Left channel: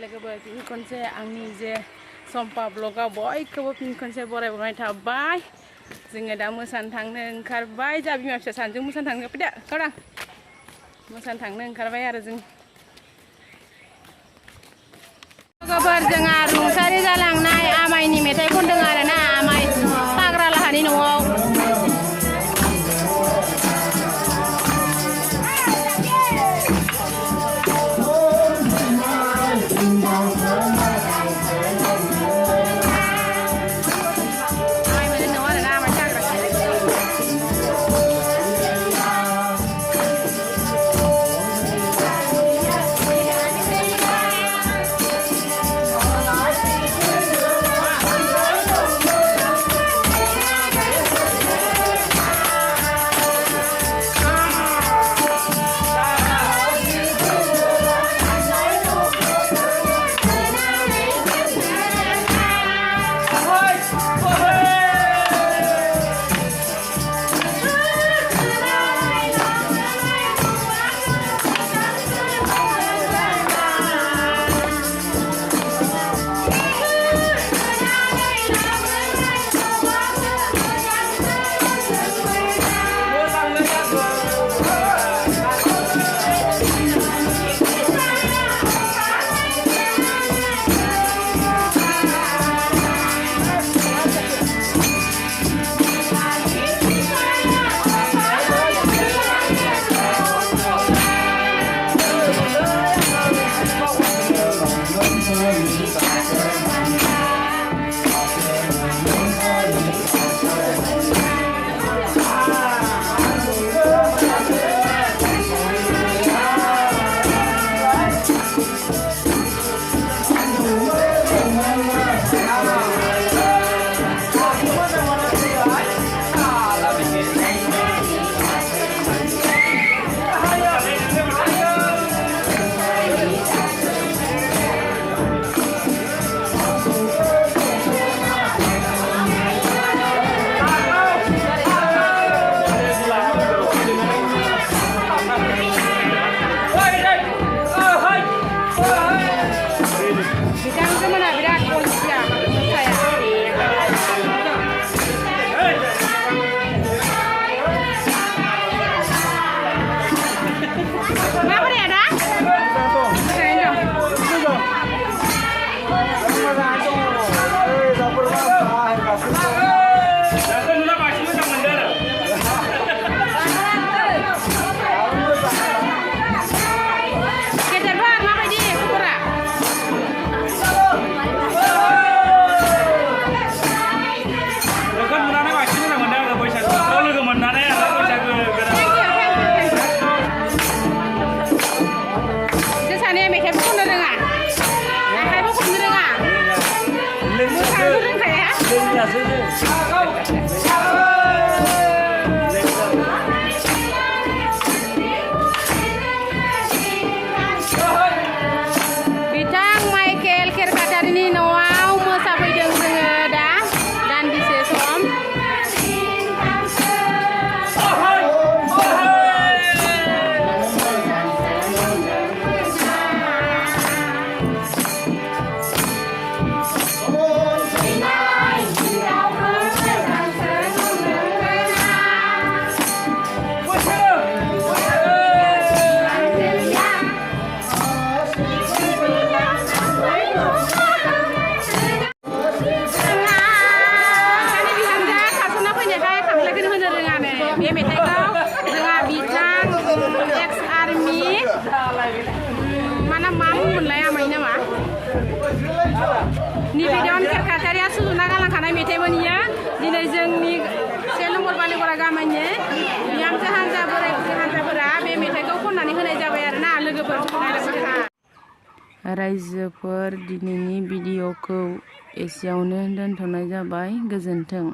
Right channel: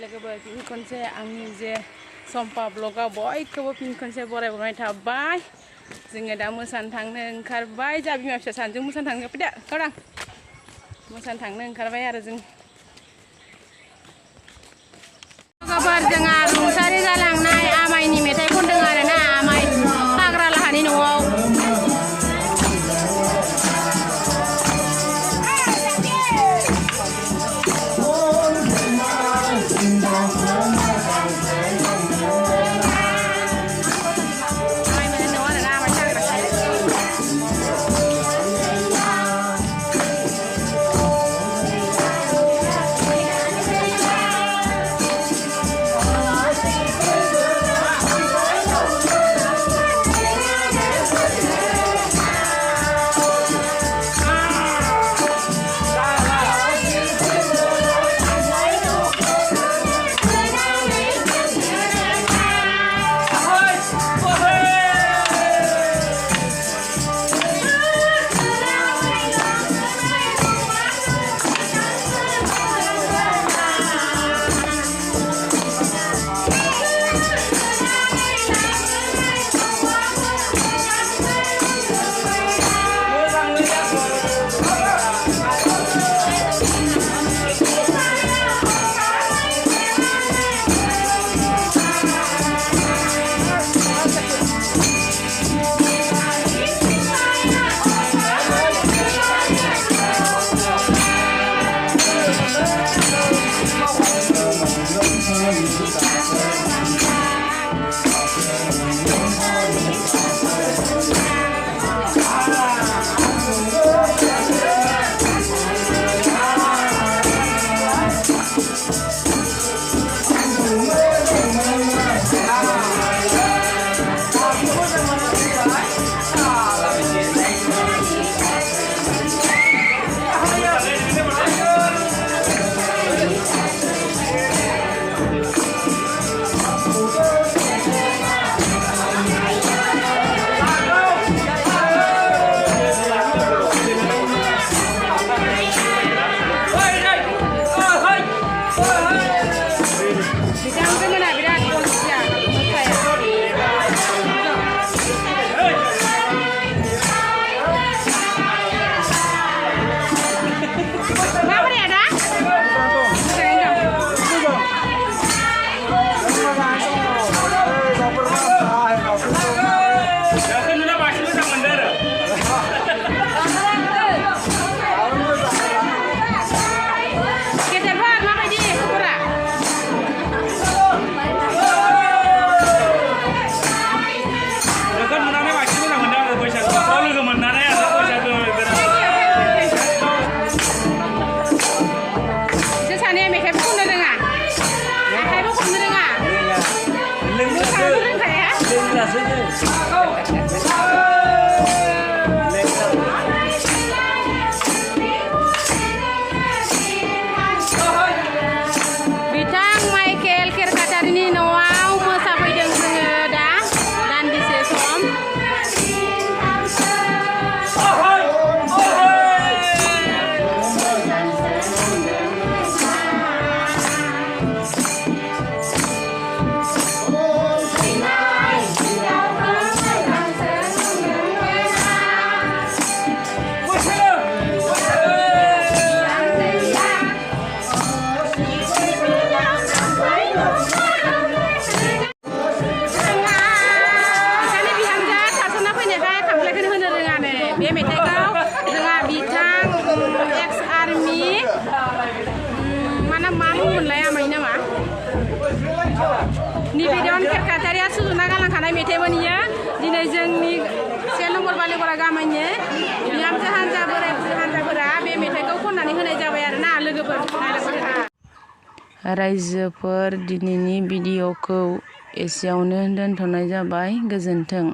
लोगोफोर फिन खनसे आंनि जे सम्पा ब्लगाव बयखौबो फिन खनसे बरायबाय थाबाय। जोङो दा मोसानो थांनो ओंखारबाय। जा बिमा फिसा सानैजों मोसानो थांनो फैदा गावदां मोसानो थांनो ओंखारबाय आरो जों। लोगोफोर जोंहा रुंसारि जालांनाय आमाइनि मेथाइ खनदों आरो ना, आमाइ फाग्रालाहानि न'आव। बिथां माइकेल खेरखाटारिनि न'आव मोसाफैदों जोङो दा दान्दिसे सम। बे मेथाइखौ जोंहा बिथां एक्स आर्मि मा बुंमोनलाय आमाइ नामा निबेदन खेरखाटारिया सुजुना गालांखानाय मेथाइमोन इयो। दिनै जोंनि 1 नम्बर बालिगरा गामिनि बिहामजो हान्जा बोराय बुरै हान्जाफोरा बे मेथाइखौ खननानै होनाय जाबाय आरो ना लोगोफोर। रायजोफोर दिनैनि भिडिअखौ एसेयावनो दोनथ'नाय जाबाय। गोजोन्थों।